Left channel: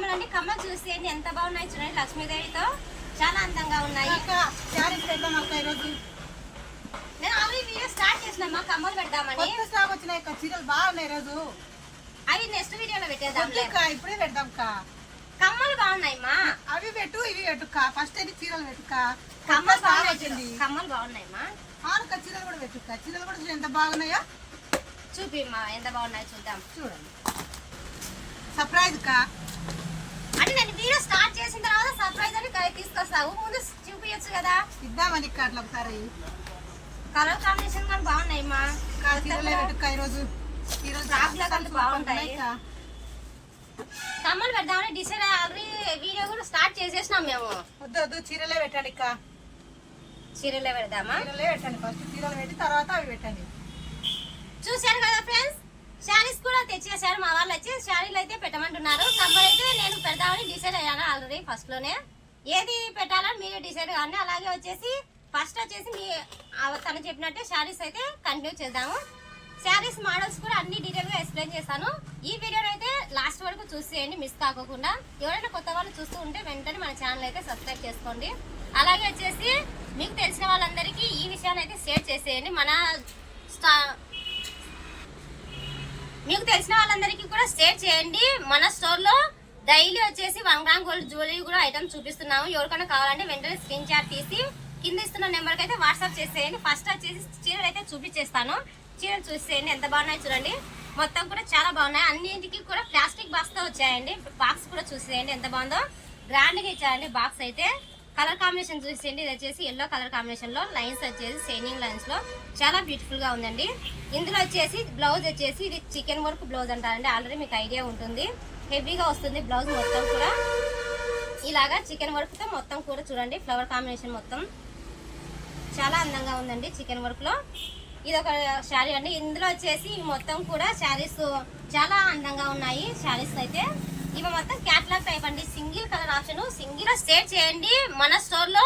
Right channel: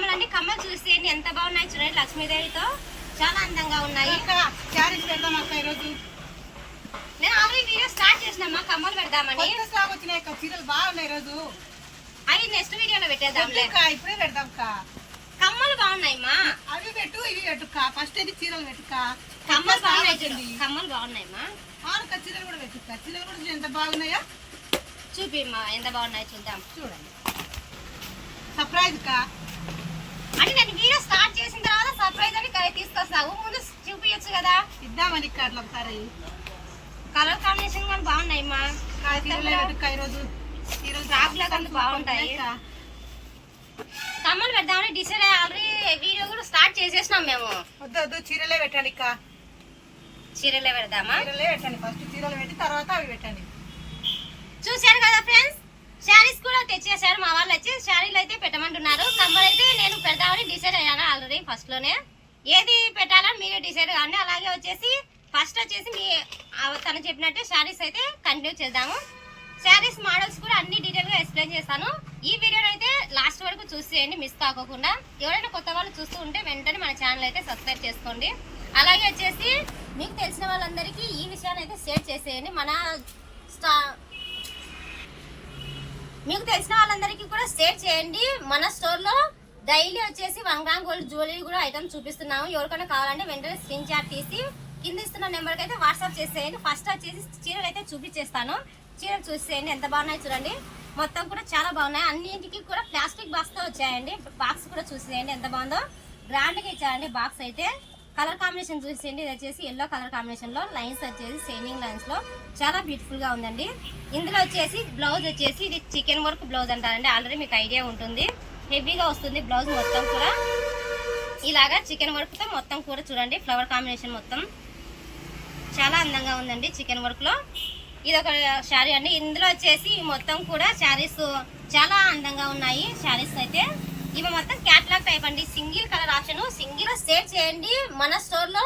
కమ్మలు అండి. కమ్మలు చూసేయండి ఎంత బాగున్నాయి చూడండి. లక్ష్మీదేవితో చాలా అందంగా ఉన్నాయి. శారీస్ పెడదాం అక్క ఈరోజు. నేను ఆల్రెడీ వీడియో స్టార్ట్ చేసినమ్మా కమ్మలు పెడదామని. కొత్త స్టాక్ వచ్చినాయి అక్క, చీరలు బాగున్నాయి ఈరోజు. అవి నెక్స్ట్ వీడియోలో పెట్టేద్దాం. ఇప్పుడే పెడదాం అక్క. కమ్మలు బాగున్నాయమ్మా. అవి పెట్టు ఇవి పెట్టుక్క. ఫస్ట్ అయితే చీరలు పెట్టుక్క. కమ్మలు బాగున్నాయి. కమ్మలు బాగున్నాయమ్మా. ఆనుక చీరలు కూడా పెట్టుక్క. చీరలు కూడా ఎంత బాగున్నాయో చూపిమ్మా ఎంత బాగున్నాయో చూద్దాం. చూడండి సర్ప్రైజ్ కా. అంటే నేను వీడియో స్టార్ట్ చేసిన తర్వాత సర్ప్రైజ్ అని తీసుకొస్తావు, ముందు చూపించచ్చు కదా. ఇద్దామని ఇక్కడ అట్లా ఒకసారి కలర్ కాంబినేషన్ కానీ బాగున్నాయమ్మా. చీరలే పెట్టుక్క ఈరోజు. ఫ్రాక్ లాగా బాగుంటాయి. కమ్మలు పెడదామని డిసైడ్ ఆల్రెడీ వీడియో కూడా స్టార్ట్ చేసేసినాం మేము. వద్దు వద్దు చీరలే పెట్టండి అక్క. చీరలే పెడదామా? చీరలే పెట్టండి. ఫస్ట్ చీరలు పెట్టి తర్వాత అవి పెట్టండి. చూశారు కదా ఫ్రెండ్స్, శారీస్ కూడా తెచ్చేసారు మా వాళ్ళు. వచ్చి శారీలు అయితే పెట్టమంటున్నారు. కమ్మలు అయితే నేను పెడదామని డిసైడ్ అయ్యాను ఆల్రెడీ ఫస్ట్ లోనే. ఏది పెట్టాలని మీరే డిసైడ్ కాండి. అలాగే వచ్చేసి ఫస్ట్ వచ్చేసి తను చెప్పినట్టే శారీస్ అయితే కంటిన్యూ చేద్దాము. శారీస్ మోడల్స్ కూడా అన్ని డీటెయిల్ గా ఎక్స్ప్లెయిన్ చేస్తాను. ఈ వీడియోని అయితే లాస్ట్ వరకు చూసేయండి, మిస్ కాకోకుండా. ఎవరైనా కొత్త వాళ్ళు చూస్తూ ఉంటే వెంటనే మన ఛానల్ అయితే సబ్స్క్రైబ్ చేసుకోండి. అలాగే వచ్చేసి మీకు తెలిసిన వాళ్ళందరికీ ఈ విషయాన్ని అయితే షేర్ చేసేయండి. మీకు తెలిసిన వాళ్ళందరికీ కూడా షేర్ చేయండి. మన స్టోర్ లో డైలీ వచ్చేసి 1 గ్రామ్ గోల్డ్ జ్యువెలరీ కూడా ఐటమ్ చూపిస్తున్నాము. ఎవరికైనా కావాలంటే వెంటనే స్క్రీన్ షాట్ తీసి కింద ఇస్తున్న నెంబర్కి అయితే వాట్సాప్ చేసేయండి. ఫస్ట్ వచ్చేసి చీరలు అయితే చూపించేస్తాను. చీరలు చూసేయండి ఎంత బాగున్నాయి చూడండి. మొత్తం కూడా చాలా బాగున్నాయి. అన్నింటికి కూడా ప్లాస్టిక్ బాక్స్ తో వచ్చాయండి. బాక్స్ కూడా చూసేయండి ఎంత బాగుందో. గ్రాండ్ గా ఇచ్చారండి బాక్స్ అయితే. కలర్ కాంబినేషన్ చూసేయండి. ఇది వచ్చేసి ఎల్లో కలర్ కాంబినేషన్ లో లైన్స్ వచ్చేసి షైనింగ్ లైన్స్ లో చాలా బ్యూటిఫుల్ గా ఉందండి. ఇందులో వచ్చేసి బ్లౌజ్ వచ్చేసి ఇది చికెన్ వర్క్ బ్లౌజ్ అంటారండి. ఆల్రెడీ మీకు ఐడియా ఉంటుంది. హెవీగా వస్తుంది బ్లౌజ్ మొత్తం కూడా. ఇలాగా చికెన్ వర్క్ తో మొత్తం కూడా చూడండి. ఫ్లవర్ కాంబినేషన్ మొత్తం చాలా అందంగా ఉందండి చికెన్ వర్క్ లో. ఇది ఒక శారీ అండి. ఇందులో వచ్చేసి మొత్తం కూడా శారీస్ చాలా అందంగా ఉన్నాయి. శారీస్ అయితే ఇవి మొత్తం క్యాటలాగ్ టైప్ అండి. Single colour option, single share చేయండి. మన స్టోర్ లో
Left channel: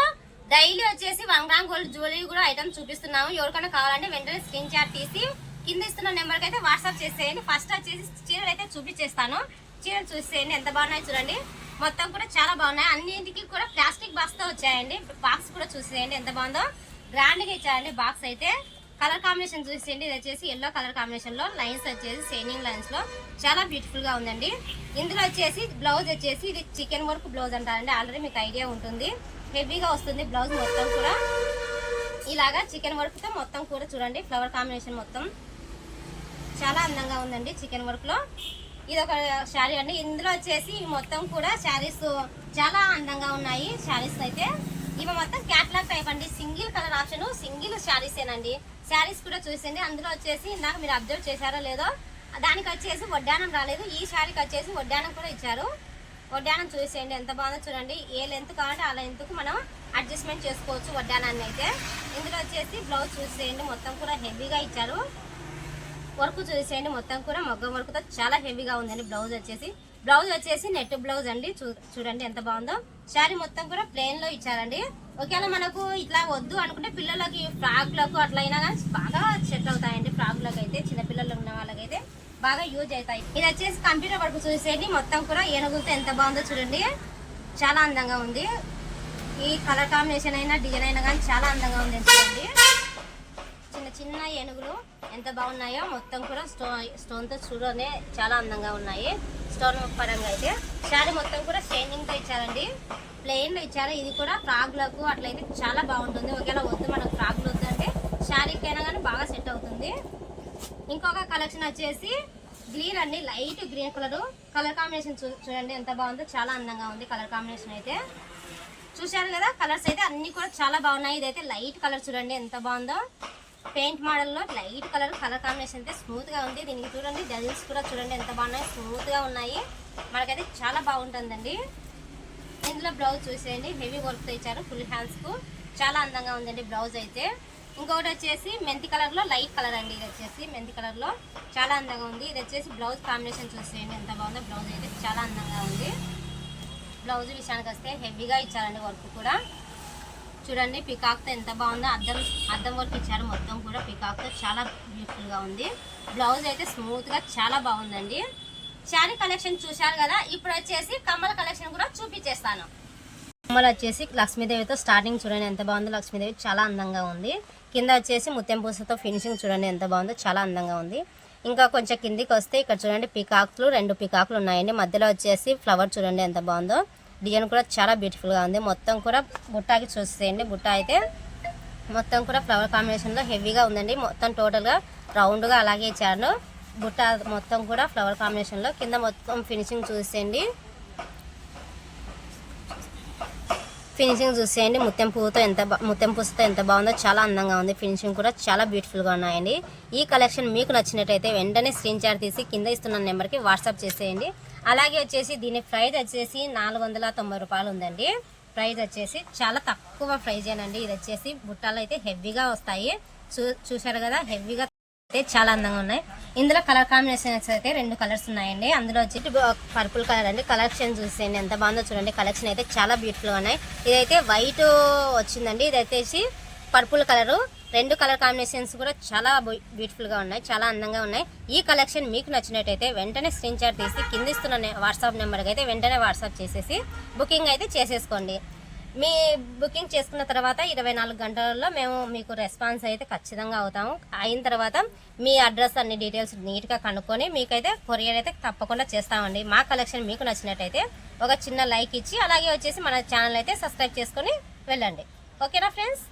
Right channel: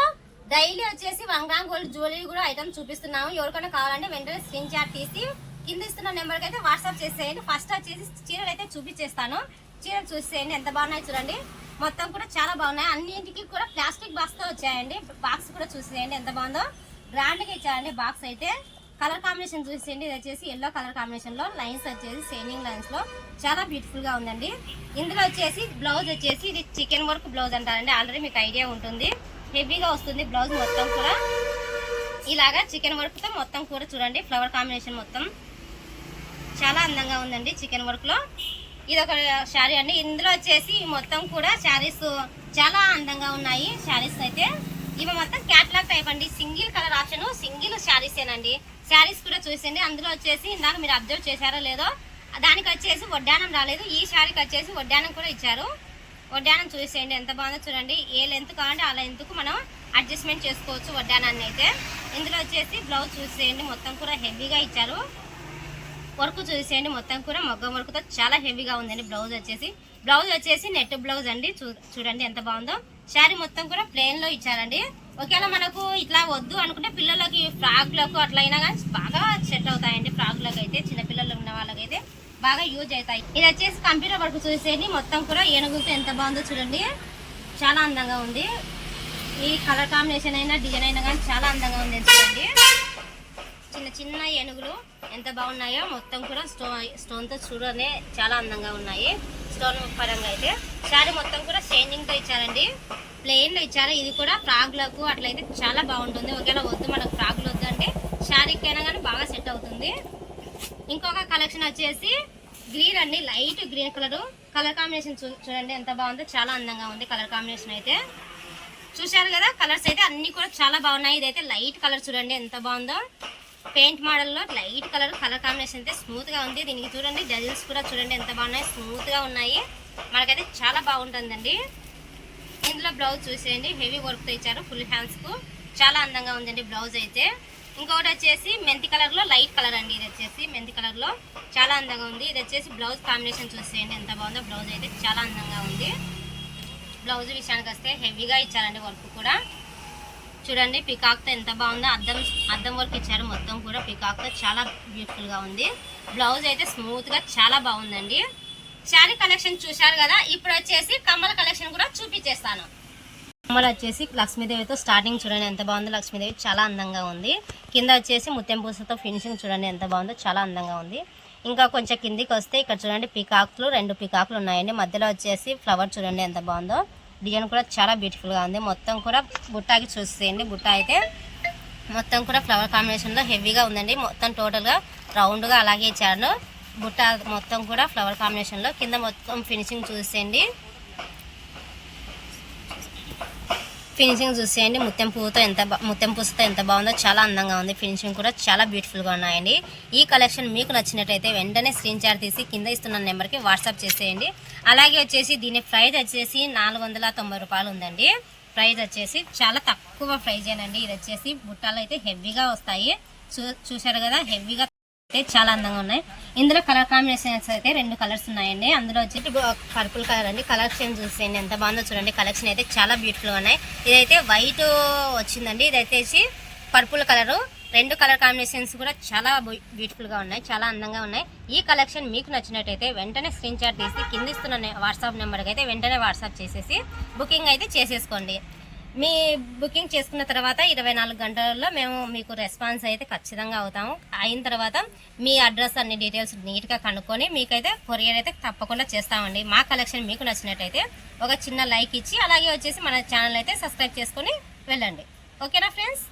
డైలీ వచ్చేసి 1 గ్రామ్ గోల్డ్ జ్యువెలరీ కూడా ఐటమ్ చూపిస్తున్నాము. ఎవరికైనా కావాలంటే వెంటనే స్క్రీన్ షాట్ తీసి కింద ఇస్తున్న నెంబర్కి అయితే వాట్సాప్ చేసేయండి. ఫస్ట్ వచ్చేసి చీరలు అయితే చూపించేస్తాను. చీరలు చూసేయండి ఎంత బాగున్నాయి చూడండి. మొత్తం కూడా చాలా బాగున్నాయి. అన్నింటికి కూడా ప్లాస్టిక్ బాక్స్ తో వచ్చాయండి. బాక్స్ కూడా చూసేయండి ఎంత బాగుందో. గ్రాండ్ గా ఇచ్చారండి బాక్స్ అయితే. కలర్ కాంబినేషన్ చూసేయండి. ఇది వచ్చేసి ఎల్లో కలర్ కాంబినేషన్ లో లైన్స్ వచ్చేసి షైనింగ్ లైన్స్ లో చాలా బ్యూటిఫుల్ గా ఉందండి. ఇందులో వచ్చేసి బ్లౌజ్ వచ్చేసి ఇది చికెన్ వర్క్ బ్లౌజ్ అంటారండి. ఆల్రెడీ మీకు ఐడియా ఉంటుంది. హెవీగా వస్తుంది బ్లౌజ్ మొత్తం కూడా. ఇలాగా చికెన్ వర్క్ తో మొత్తం కూడా చూడండి. ఫ్లవర్ కాంబినేషన్ మొత్తం చాలా అందంగా ఉందండి చికెన్ వర్క్ లో. ఇది ఒక శారీ అండి. ఇందులో వచ్చేసి మొత్తం కూడా శారీస్ చాలా అందంగా ఉన్నాయి. శారీస్ అయితే ఇవి మొత్తం క్యాటలాగ్ టైప్ అండి. Single colour option, single saris ఏనండి. శారీస్ కూడా చూసేయండి. అందులో వచ్చేసి ఇందాక మీరు అబ్జర్వ్ చేశారో లేదో, దానికి వచ్చేసి వడ్డానం రాలేదు. ఈ శారీకి వచ్చేసి వడ్డానం కూడా ఇచ్చారు. వడ్డానం చూసేయండి ఎంత బాగుందో చూడండి. ఏ లెంత్ కావాలంటే ఆ లెంత్కు మనం అడ్జస్ట్మెంట్ చేసుకోవచ్చు వడ్డానాన్ని అయితే. ఇందులో వచ్చేసి బ్లౌజ్ చూసేయండి. మొత్తం కూడా హెవీగా ఇచ్చారు. వర్క్ చూసేయండి మొత్తం కూడా మగ్గం వర్క్తో చాలా హెవీగా ఉందండి. బ్లౌజ్ వచ్చేసి నెట్ బ్లౌజ్ అండి. చూడండి ఎంత బాగుందో. శారీ మొత్తం కూడా ప్లెయిన్ లో ఇచ్చారండి. ఒకవేళ మనకు ఇట్లా వద్దు అనుకుంటే పిల్లలకి ఫ్రాక్లకు అట్లయినా కానీ బాగా సెట్ అవుతాయండి. ఫ్రాక్లకు అయితే చిన్నపిల్లలు ఉన్న వాళ్ళకైతే బాగా యూజ్ అవుతాయి. ఇది వచ్చేసి కంప్యూటర్ వర్క్ చూసేయండి. మొత్తం కూడా ఏనుగులతో ఎంత బాగుందో చూడండి. చాలా అందంగా ఉంది. ఈ కలర్ కాంబినేషన్ అయినా డిజైన్ అయినా కానీ చాలా అందంగా ఉంది చూడండి. చిన్న చిన్న ఏనుగులు ఎంత బాగున్నాయో. మొత్తం కూడా స్టోన్ తో చూడనే చాలా అందంగా ఉన్నాయి. స్టోన్ పరంగా అయితే శారీ మొత్తం కూడా షైనింగ్ తో ఇచ్చారండి. ప్లెయిన్ లో ఇచ్చారు. ఇది కూడా ఫ్రాక్లకు అట్లయితే చాలా బాగుంటుంది. ఒకవేళ వద్దు మనకు ఫ్రాక్లు వద్దు అంటే శారీకైనా కానీ బాగా సెట్ అవుతుంది. ఇంకొక కలెక్షన్ వచ్చేసి గ్రీన్ అండి. లైట్ గ్రీన్ కలర్ కాంబినేషన్ చూడండి ఎంత బాగుందో. చాలా అందంగా ఉంది కలర్ కాంబినేషన్ అయితే. చూశారు కదా కలర్స్ అయితే అన్ని కూడా చాలా బాగున్నాయి. ఇదైతే లైట్ కలర్ చూడండి ఎంత బాగుందో. పెయింట్ మోడల్లో లైట్ కలర్ కాంబినేషన్ అయితే స్మూత్ గా ఉంది. దీనికి చూడండి డజిల్స్ కూడా చూడండి ఎంత బాగున్నాయి. స్మూత్ గా ఉన్నాయి. మనకైతే చాలా బాగుంటుందండి. ఇందులో బ్లౌజ్ చూసేయండి. హెవీ వర్క్ తో ఇచ్చారు. ఫుల్ హ్యాండ్స్ కు చాలా అందంగా ఉందండి బ్లౌజ్ అయితే. ఇంకొకటి వచ్చేసి మెంతి కలర్ లో లైట్ కలర్ అండి. ఇది వచ్చేసి మెంతి కలర్ లో చాలా అందంగా ఉంది. ఇది వచ్చేసి బ్లౌజ్ కాంబినేషన్ చూసేయండి ఎంత బాగుందో. బ్లౌజ్ అయితే చాలా అందంగా ఉంది. బ్లౌజ్ విషయానికి వస్తే హెవీగా ఇచ్చారండి వర్క్ కూడా. చూడండి పికాక్ తో ఎంత బాగుందో. అద్దం వర్క్ ఇచ్చారు. మొత్తం కూడా పికాక్ తో చాలా బ్యూటిఫుల్ గా ఉంది. బ్లౌజ్ అయితే స్మూత్ గా చాలా బాగుందండి. శారీ కలెక్షన్ చూశారు కదా, ఇప్పుడు వచ్చేసి కమ్మల కలెక్షన్ కూడా చూపించేస్తాను. కమ్మలు వచ్చేసి లక్ష్మీదేవితో స్టార్టింగ్ చూడండి ఎంత బాగుందో. లక్ష్మీదేవి చాలా అందంగా ఉంది. కింద వచ్చేసి ముత్యం పూసతో ఫినిషింగ్ చూడండి ఎంత బాగుందో, చాలా అందంగా ఉంది. ఇంకా కొంచెం కిందికి వస్తే ఇక్కడ చూడండి పీకాక్లు, 2 పీకాక్లు ఉన్నాయండి. మధ్యలో వచ్చేసి ఫ్లవర్ చూడండి ఎంత బాగుందో. డిజైన్ కూడా చాలా బ్యూటిఫుల్గా ఉంది. మొత్తం కూడా బుట్టాకి చూసేయండి. బుట్ట అయితే మొత్తం కూడా ఫ్లవర్ కాంబినేషన్లో హెవీగా ఉందండి. మొత్తం టోటల్గా రౌండ్గా అలాగే ఇచ్చాను. బుట్ట మొత్తం కూడా ఫ్లవర్ కాంబినేషన్లో. కింద మొత్తం ఫినిషింగ్ చూసేయండి. ఫినిషింగ్ చూసేయండి. ముత్యం పూసతో ఎంత బాగుందో, చాలా అందంగా ఉంది. ఫినిషింగ్ కూడా చాలా బ్యూటిఫుల్గా ఉన్నాయండి. ఈ కలెక్షన్ మీకు నచ్చినట్టయితే వెంటనే స్క్రీన్ షాట్ తీసి కింద ఇస్తున్న నెంబర్కి వాట్సాప్ చేసేయండి. అలాగే వచ్చేసి దీని ప్రైస్ వచ్చేసి 490 రూపాయలు ఉందండి. ప్రైస్ వచ్చేసి చాలా తక్కువ ప్రైజ్ ఏనండి. ఇది వచ్చేసి బుట్టాలు అయితే హెవీగా వస్తాయి. చూశారు కదా, హెవీగా అయితే చాలా అందంగా ఉన్నాయి. ఇందులో కలర్ కాంబినేషన్స్ అయితే 2 కలర్స్ ఉన్నాయండి. అందులో వచ్చేసి పర్పుల్ కలర్ అండి. కలెక్షన్ చూసేయండి ఎంత బాగుందో చూడండి. కలెక్షన్ అయితే చాలా బ్యూటిఫుల్గా ఉన్నాయి. ఇదైతే వైట్ వచ్చిందండి. ఇది వచ్చేసి పర్పుల్ కలరు. 2 కలర్ కాంబినేషన్స్ కూడా చాలా బ్యూటిఫుల్గా ఉన్నాయి, చాలా అందంగా ఉన్నాయి. ఈ కలెక్షన్ మీకు నచ్చినట్టయితే వెంటనే స్క్రీన్ షాట్ తీసి కింద ఇస్తున్న వాట్సాప్ నెంబర్కి అయితే వెంటనే వాట్సాప్ చేసేసి బుకింగ్ అయితే చేసేసుకోండి. మీ బుకింగ్ చేసుకున్న తర్వాత 24 గంటలలో మేము మీకు రెస్పాన్స్ అయితే ఖచ్చితంగా అవుతాము. అయిన తర్వాత మీ అడ్రస్ అన్ని డీటెయిల్స్ నీట్గా కనుక్కొని మీకైతే కొరియర్ అయితే తప్పకుండా చేస్తామండి. మా కలెక్షన్ మీకు నచ్చినట్టయితే ఒక చిన్న లైక్ ఇచ్చి అలాగే వచ్చేసి మన ఛానల్ అయితే సబ్స్క్రైబ్ చేసుకొని వెళ్ళండి. ఓకేనా ఫ్రెండ్స్?